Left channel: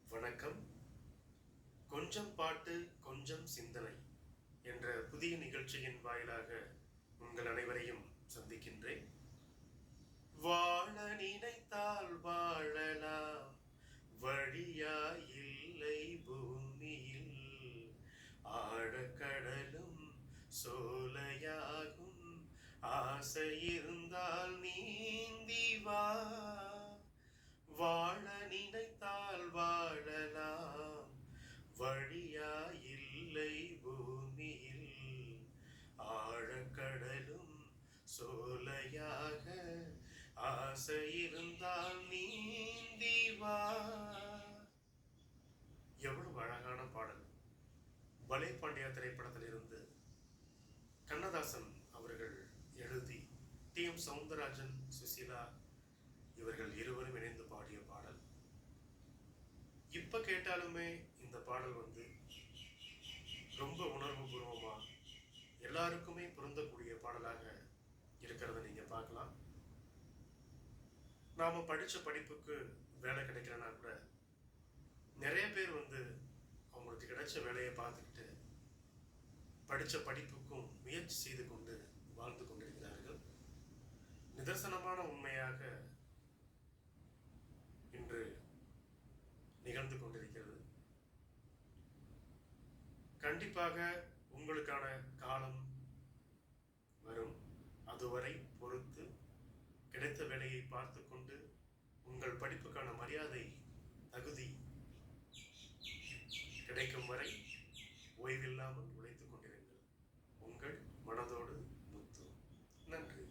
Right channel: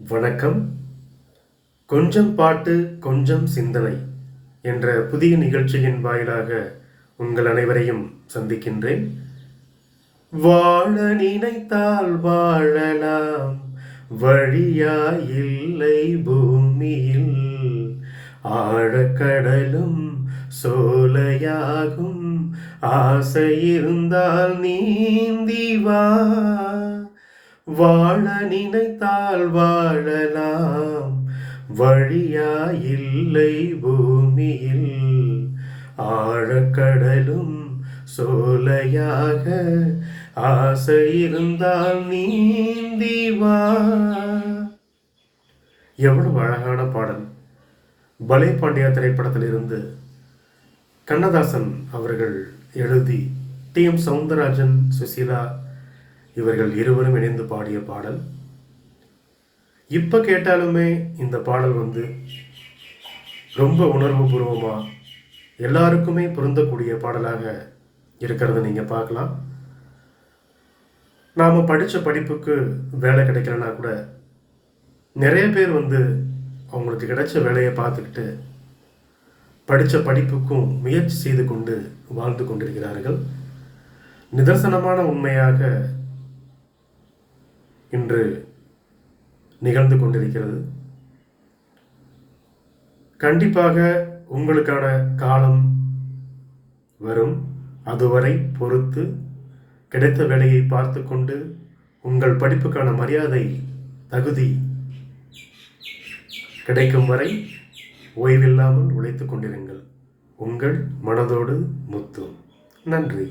வணக்கம். கொஞ்சம் பாட்டு கொஞ்சம் சிந்தனை என்ற புதிய நிகழ்ச்சியின் வாயிலாக உங்கள் அனைவரையும் சந்திக்கின்றேன். வாழ நினைத்தால் வாழலாம், வழியாயில்லை பூமியில். ஆழக்கடலும் சோலையாகும், ஆசை இருந்தால் நீந்தி வா. வாழ நினைத்தால் வாழலாம், வழியாயில்லை பூமியில். ஆழக்கடலும் சோலையாக, ஆசை இருந்தால் நீந்தி வா. எவ்வளவு அழகான பாடல்! பலே பாண்டியா திரைப்படத்திலிருந்து கண்ணதாசன் அவர்கள் எழுதி டி.எம். சௌந்தரராஜன், சுசீலா இவர்கள் இருவரும் இணைந்து பாடிய பாடல். இப்போ கேட்டாலுமே இந்த பாடல் ரொம்ப உணர்வுபூர்வமாக எல்லாருக்குமே பொருந்தக்கூடிய பாடலாக இருக்கிறத நீங்கள் பார்க்கலாம். நாம் படித்த படிப்புக்கு வேலை கிடைக்கலனா கூட நிறைய பேர் அவங்களுக்கு கிடைச்ச வேலையை பார்த்துக்கிட்டு படித்த படிப்புக்கும் முயற்சி செய்து கொண்டு வாழ்ந்து கொண்டிருக்கிறார்கள். நிதர்சனமான உண்மையாக இன்று நிகழ்ந்து கொண்டிருக்கிறது. கண்டிப்பாக உங்களுக்கான காலம் வரும். அதுவரை பொறுத்து கிடைத்த வேலையை பார்த்து கொண்டு உங்கள் படிப்புக்கான மரியாதை, தகுதி கிடைக்கும் வரை ஓய்வில்லாமல் உழைத்துக் கொண்டிருங்கள். உங்கள் மனதோடு முத்து. நன்றி.